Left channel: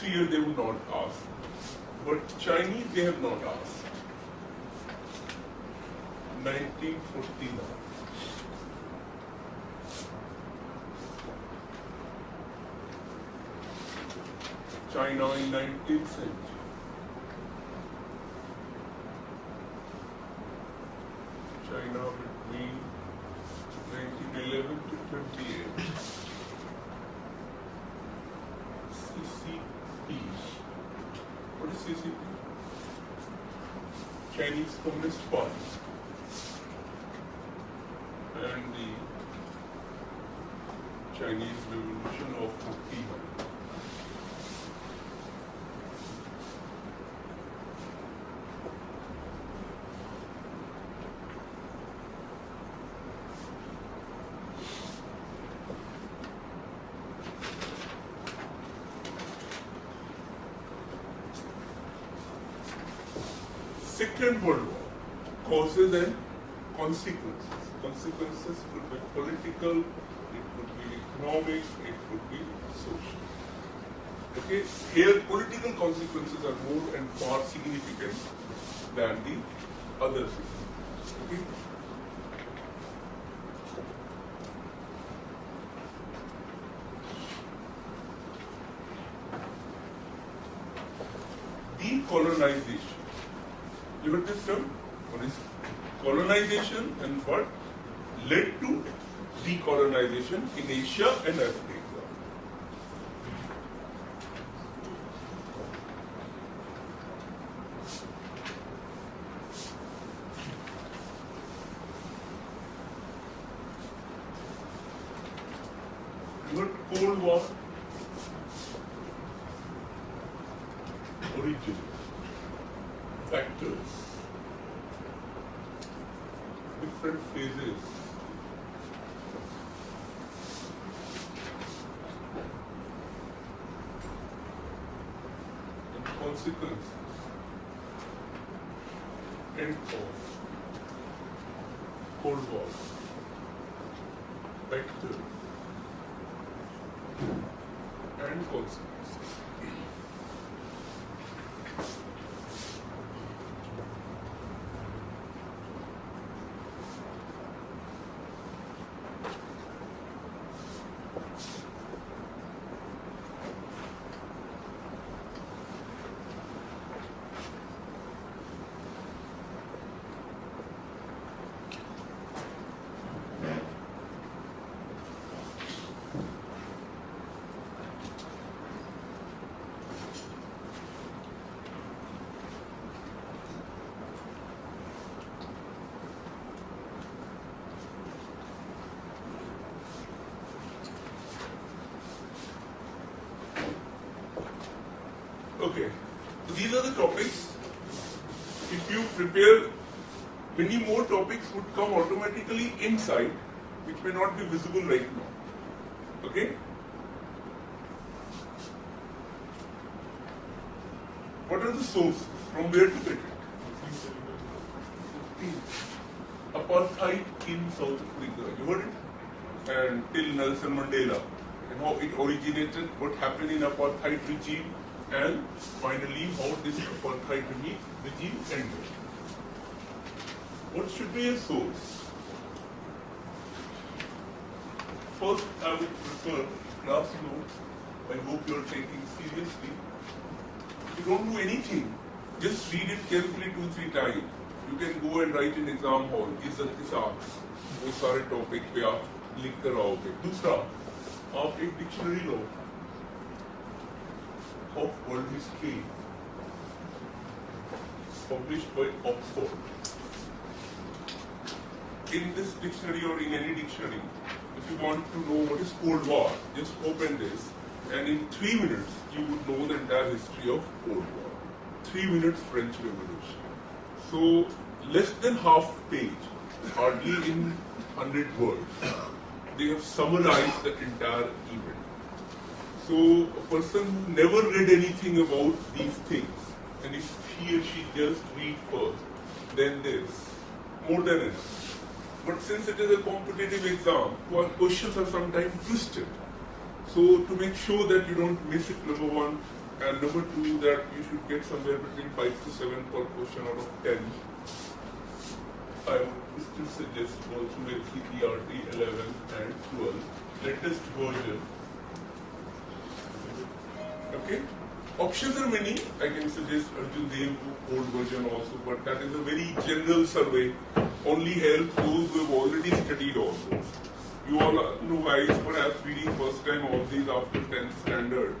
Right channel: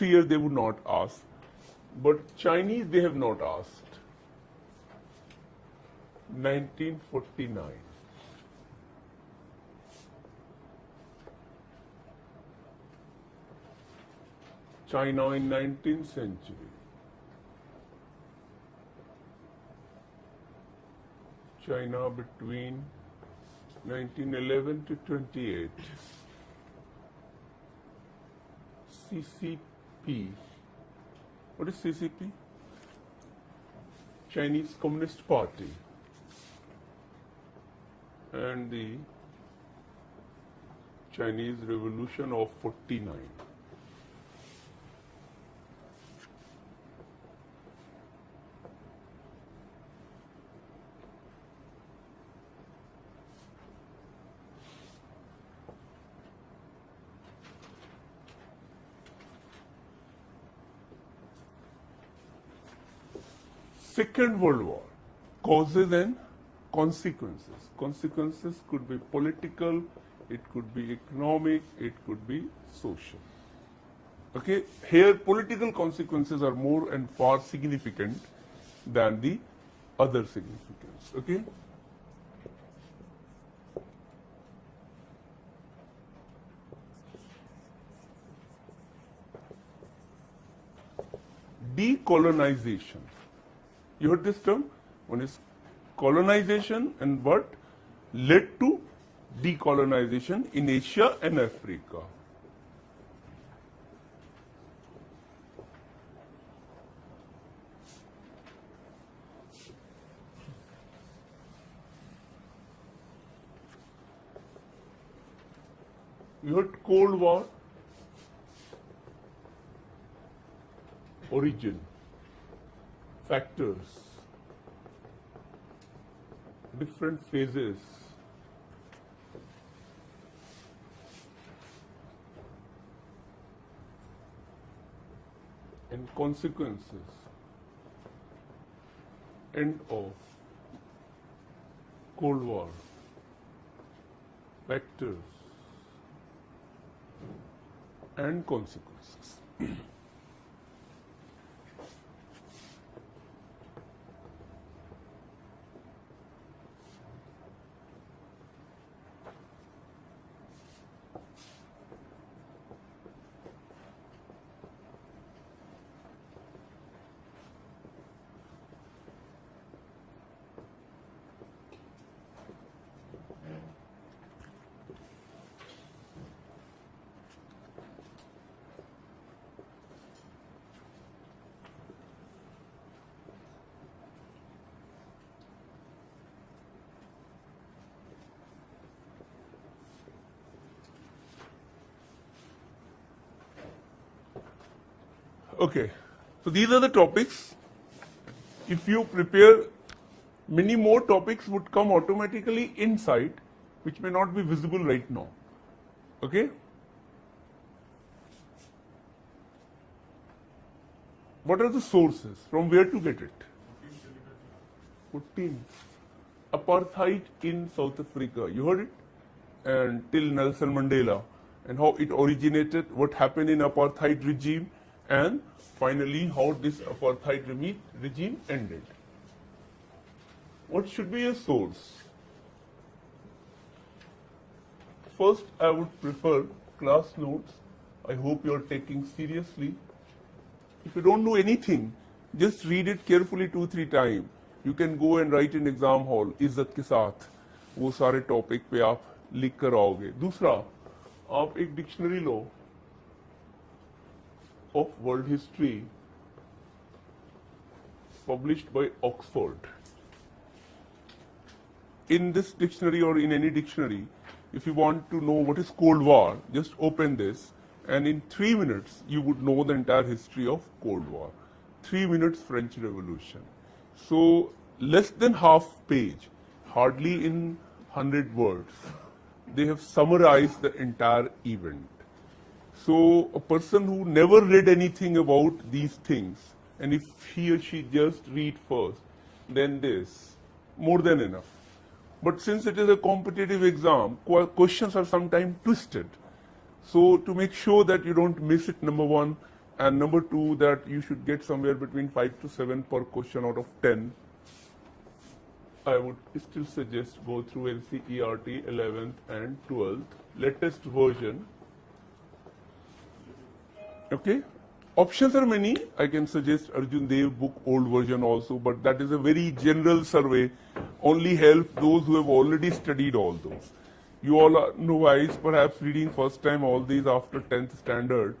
3 years they would not ask. But Chinese, they have not asked. 1949. China in 19th century. China between 1911 to 28. CCP. What is CCP? Chinese Communist Party. And the Chinese Revolution of 49. Second World War, causes and consequences. Consequences could be political, it could be economic, it could be social. Okay, here political consequences are more and far significant than the other significance. Okay. Decolonization. You heard this term? One is colonization and what led to decolonization in Asia and Africa. You heard Cold War? Origin. Factors, different phases, and consequences, end of Cold War, factors, and consequences. Okay, so these are the topics. If you prepare, many more topics would come automatically inside, which may not be visible right now. Okay? What are the sources? From where to get it? 15. Apartheid in South Africa. You heard it? And till Nelson Mandela. And how it originated, what happened in apartheid regime, and finally how this apartheid regime ended. What should be a source? First, I would prefer class notes. I hope you are taking seriously. If you don't do anything, just read it carefully 2-3 times. You can go and write in exam hall, इज्जत के साथ वो सारे topic पे आप लिख कर आओगे. दूसरा, आप एक dictionary low of world history published by Oxford. In this dictionary or in any dictionary, if you want to know what is Cold War, just open this and in 3 minutes you would know the entire history of Cold War. 3 minutes French Revolution. So less than half page, hardly in 100 words, they have summarized the entire event. So a person who never read anything about these things, and if he or she just read first, then this, more than enough. But since it is a competitive exam, questions are sometimes twisted. So to make sure that you don't miss it, number one, And number two, that you should get somewhere between 5 to 7 per question out of 10. I would still suggest go through NCERT 11 and 12, latest version. Okay? Options are many. I can suggest Arjun Dev book, old version also, but that is a very general survey, only helps those who have already studied all this. You all are novice, perhaps reading first time all these after 10th standard.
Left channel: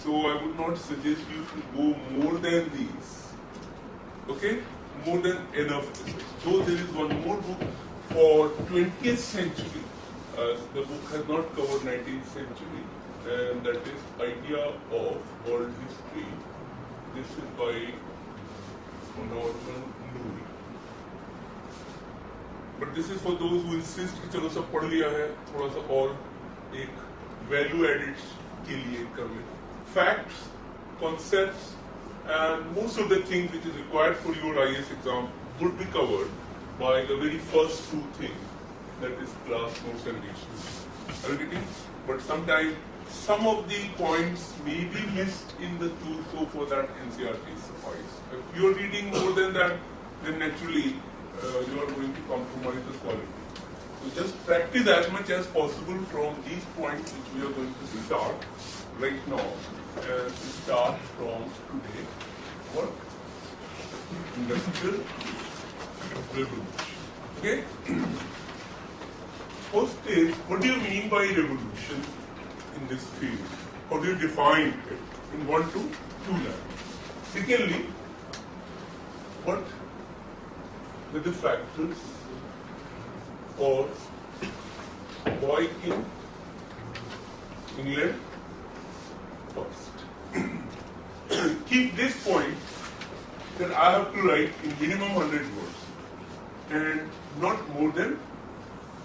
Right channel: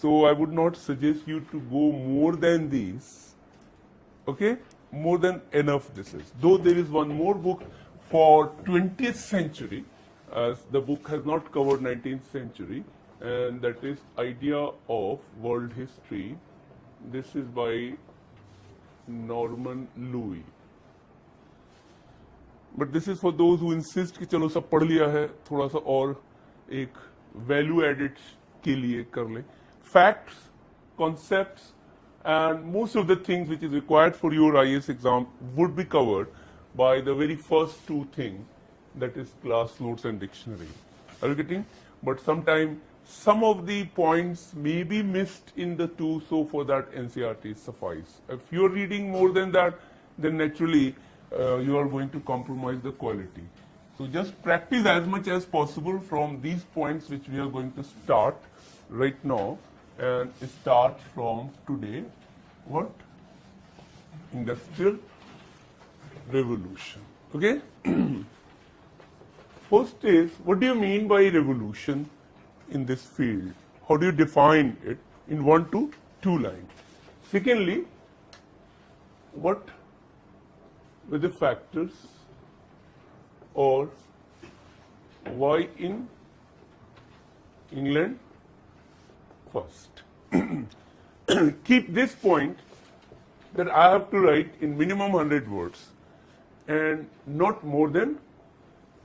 So I would not suggest you to go more than these. Okay? More than enough this is. Though there is one more book for 20th century. The book has not covered 19th century, and that is Idea of World History. This is by Norman Louis. But this is for those who insist कि चलो सब पढ़ लिया है, थोड़ा सा और एक value added के लिए कर ले. Facts, concepts, and most of the things which is required for your IAS exam would be covered by the very first two things, that is class notes and dictionary. Are you getting? But sometimes some of the points may be missed in the two, so for that NCERT suffice. If you are reading more than that, then naturally you are going to compromise the quality. So just practice as much as possible from these points which we are going to start right now, and start from today. What? Industrial Revolution. Okay? First is, what do you mean by revolution in this field? How do you define it in 1 to 2 lines? Secondly, what were the factors, or why in England first? Keep this point that I have to write in minimum 100 words and not more than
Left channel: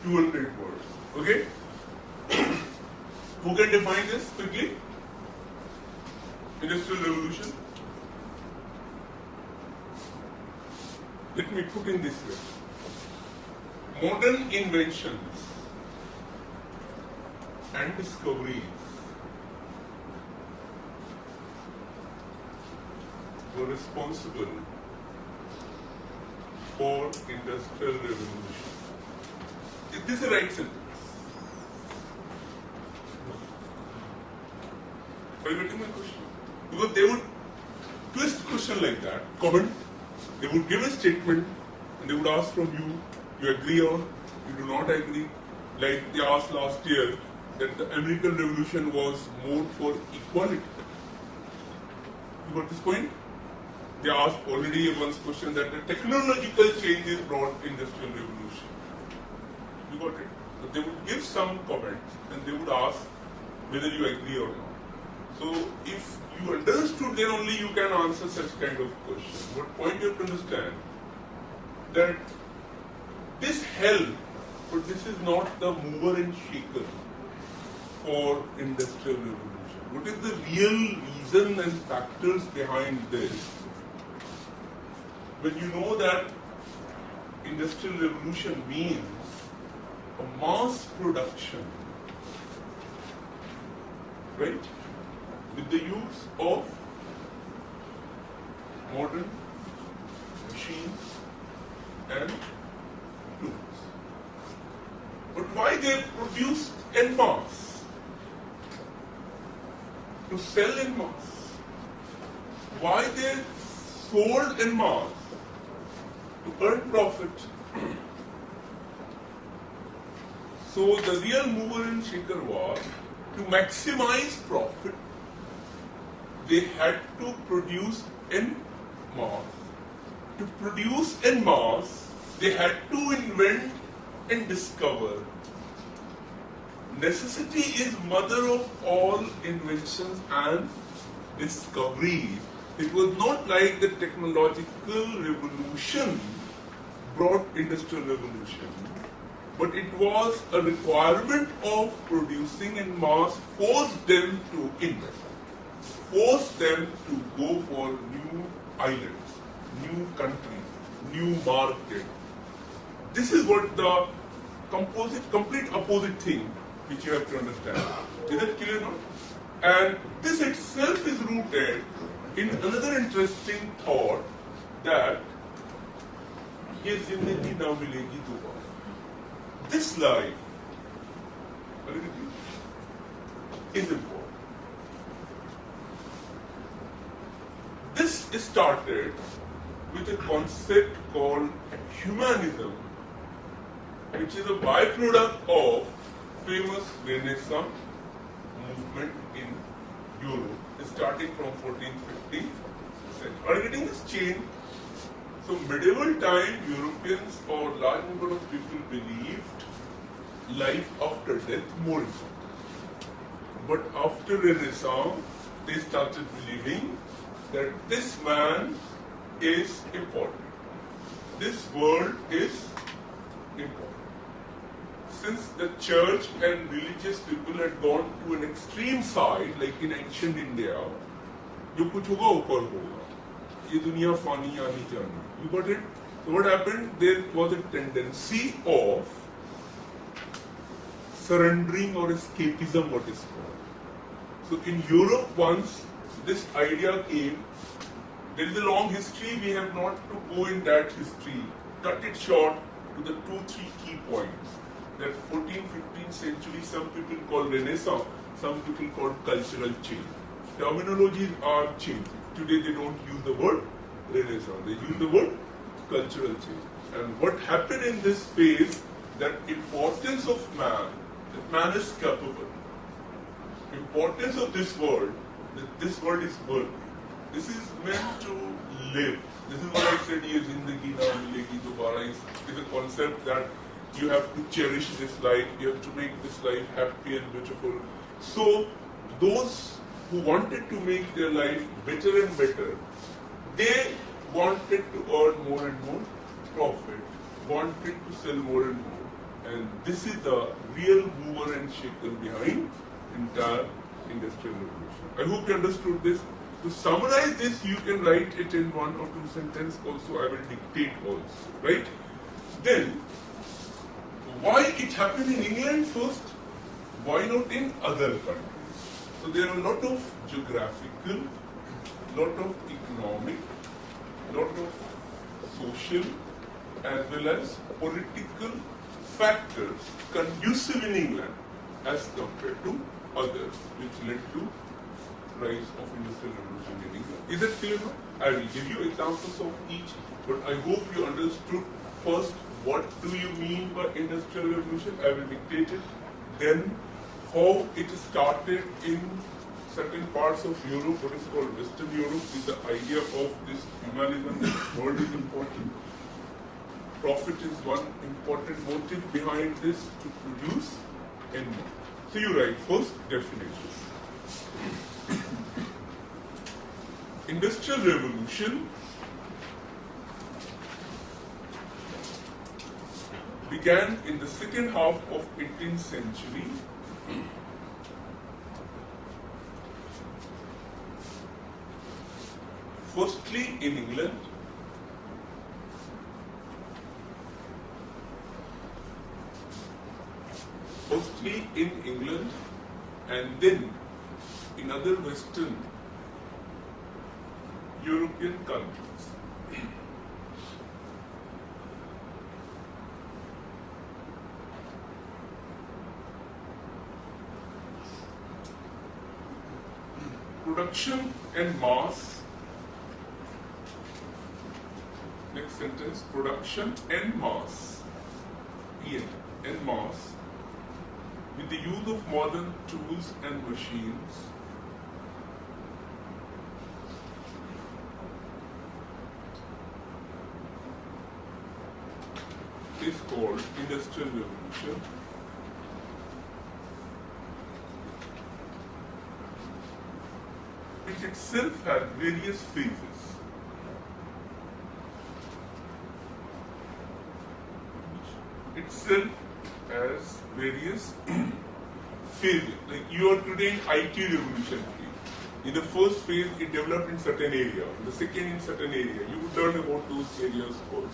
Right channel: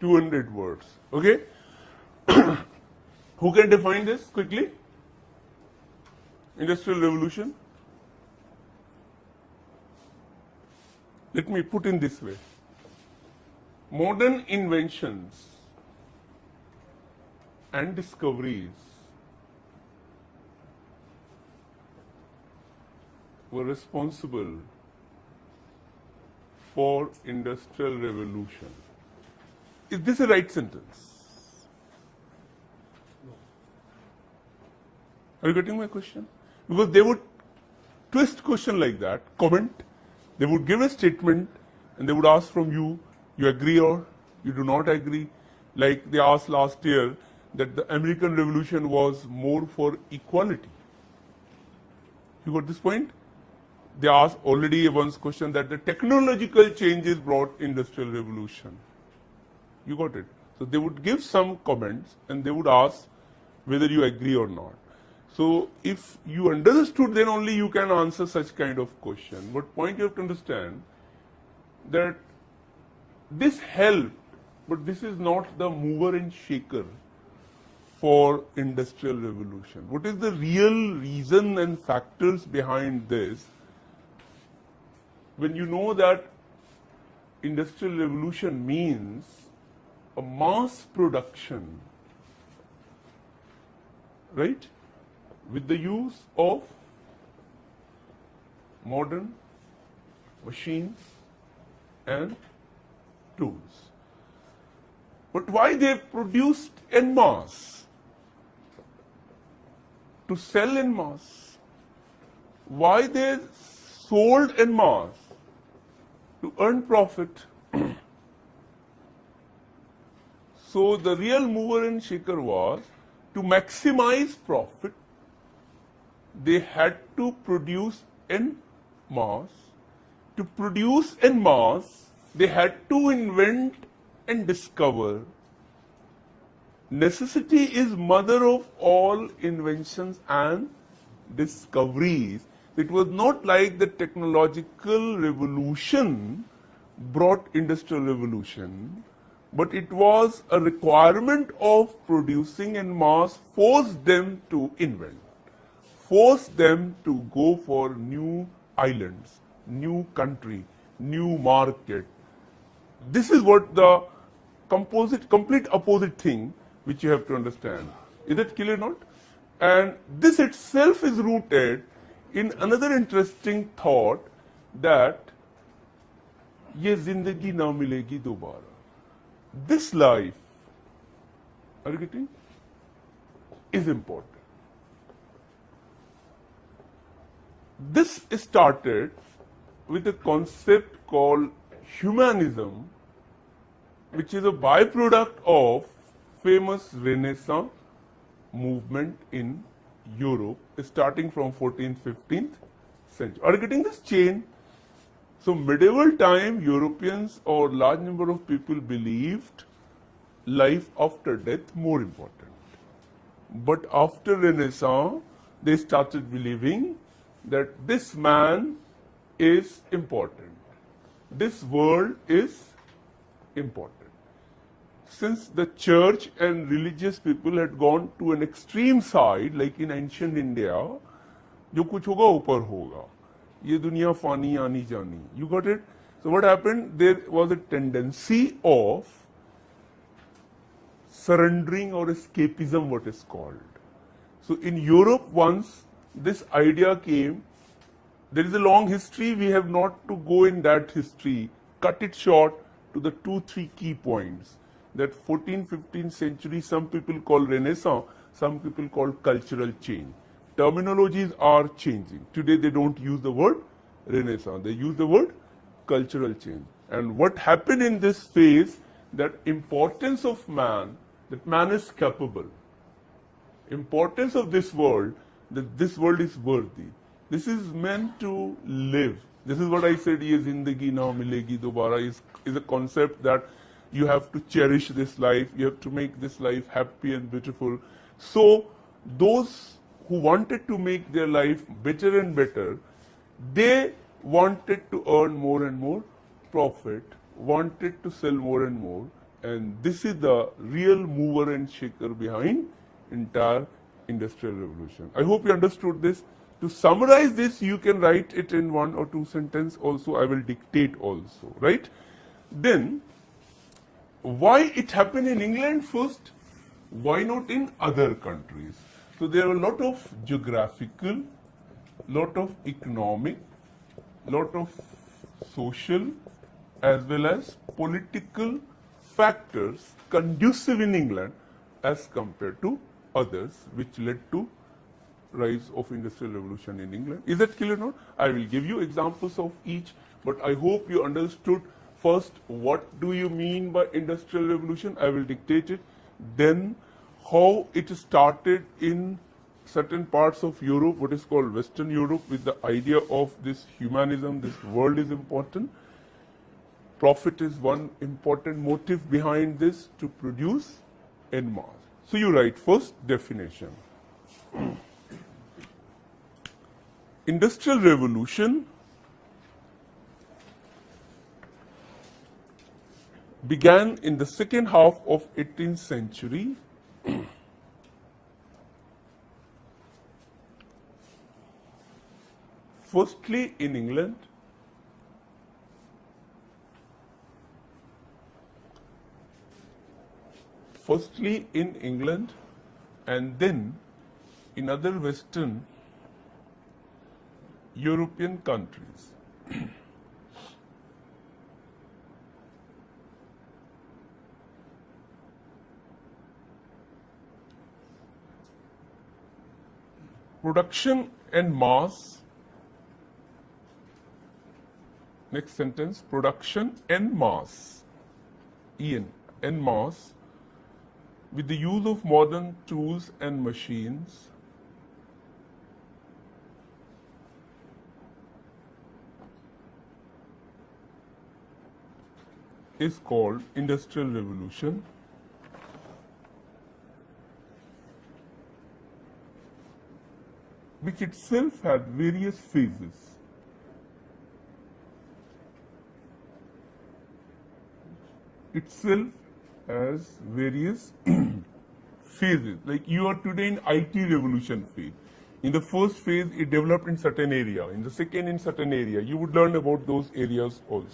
200 words. Okay? Who can define this quickly? Industrial Revolution. Let me put in this way. Modern inventions and discoveries were responsible for Industrial Revolution. Is this a right sentence? Are you getting my question? Because they would twist question like that, comment, they would give a statement and they would ask from you, you agree or you do not agree. Like they asked last year that the American Revolution was more for equality. You got this point? They asked already once question that the technological changes brought Industrial Revolution. You got it? So they would give some comments and they would ask whether you agree or not. So if you understood, then only you can answer such kind of question. But point you have to understand that this helped, but this is not the mover and shaker for Industrial Revolution. What is the real reason and factors behind this? When you know that Industrial Revolution means a mass production, right? With the use of modern machines and tools. But why they produced en masse? To sell en masse. Why they sold en masse? To earn profit. So the real mover and shaker was to maximize profit. They had to produce en masse. To produce en masse, they had to invent and discover. Necessity is mother of all inventions and discoveries. It was not like the technological revolution brought Industrial Revolution, but it was a requirement of producing en masse, forced them to invent, forced them to go for new islands, new country, new market. This is what the complete opposite thing which you have to understand. Is that clear now? And this itself is rooted in another interesting thought that ये जिंदगी ना मिलेगी दोबारा. This life, are you getting? Is important. This started with a concept called humanism, which is a byproduct of famous Renaissance movement in Europe, starting from 14th, 15th century. Are you getting this chain? So medieval time, Europeans or large number of people believed life after death more important. But after Renaissance, they started believing that this man is important. This world is important. Since the church and religious people had gone to an extreme side, like in ancient India, जो कुछ होगा ऊपर होगा, ये दुनिया फानी आनी जानी. You got it? So what happened? There was a tendency of surrendering or escapism, what is called. So in Europe, once this idea came, there is a long history. We have not to go in that history. Cut it short to the 2-3 key points. That 14th, 15th century, some people call Renaissance, some people call cultural change. Terminologies are changing. Today they don't use the word Renaissance, they use the word cultural change. And what happened in this phase, that importance of man, that man is capable, importance of this world, that this world is worthy. This is meant to live. This is what I said, ye zindagi na milegi dobara, is a concept that you have to cherish this life, you have to make this life happy and beautiful. So those who wanted to make their life better and better, they wanted to earn more and more profit, wanted to sell more and more, and this is the real mover and shaker behind entire industrial revolution. I hope you understood this. To summarize this, you can write it in 1 or 2 sentences also. I will dictate also, right? Then, why it happened in England first? Why not in other countries? So there are a lot of geographical, lot of economic, lot of social as well as political factors conducive in England as compared to others, which led to rise of industrial revolution in England. Is that clear now? I will give you examples of each, but I hope you understood first what do you mean by industrial revolution. I will dictate it. Then how it started in certain parts of Europe, what is called Western Europe, with the idea of this humanism, that world is important. Profit is one important motive behind this, to produce en masse. So you write first definition. Industrial revolution began in the second half of 18th century firstly in England, and then in other Western European countries. Production and mass. Next sentence, production and mass. En mass, with the use of modern tools and machines, is called industrial revolution. Which itself had various phases. Itself has various phases. Like you are today in IT revolution phase. In the first phase, it developed in certain area. In the second, in certain area. You would learn about those areas also.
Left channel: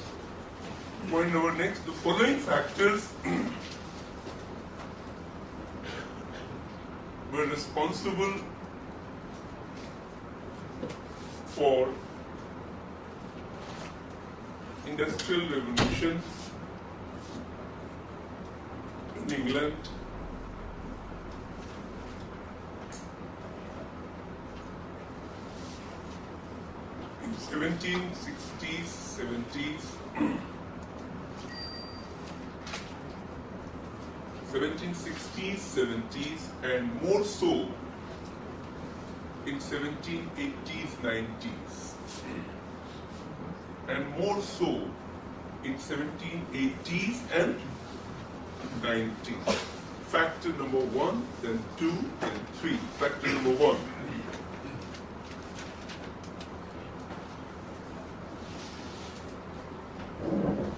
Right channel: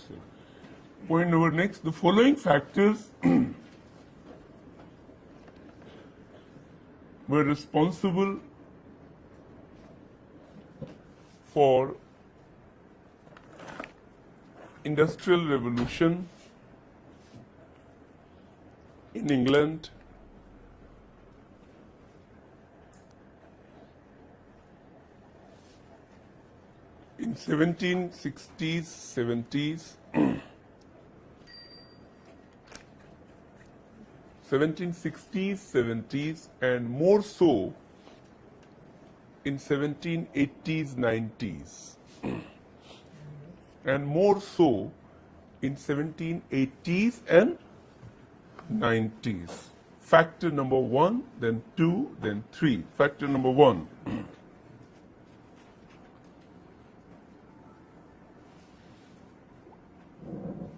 Point number next, the following factors were responsible for Industrial Revolution in England, in 1760s, 70s, 1760s, 70s, and more so in 1780s, 90s, and more so in 1780s and 90s. Factor number 1, then 2, then 3. Factor number 1.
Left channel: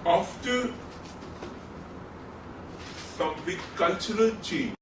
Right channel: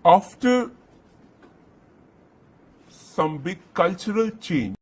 After some big cultural change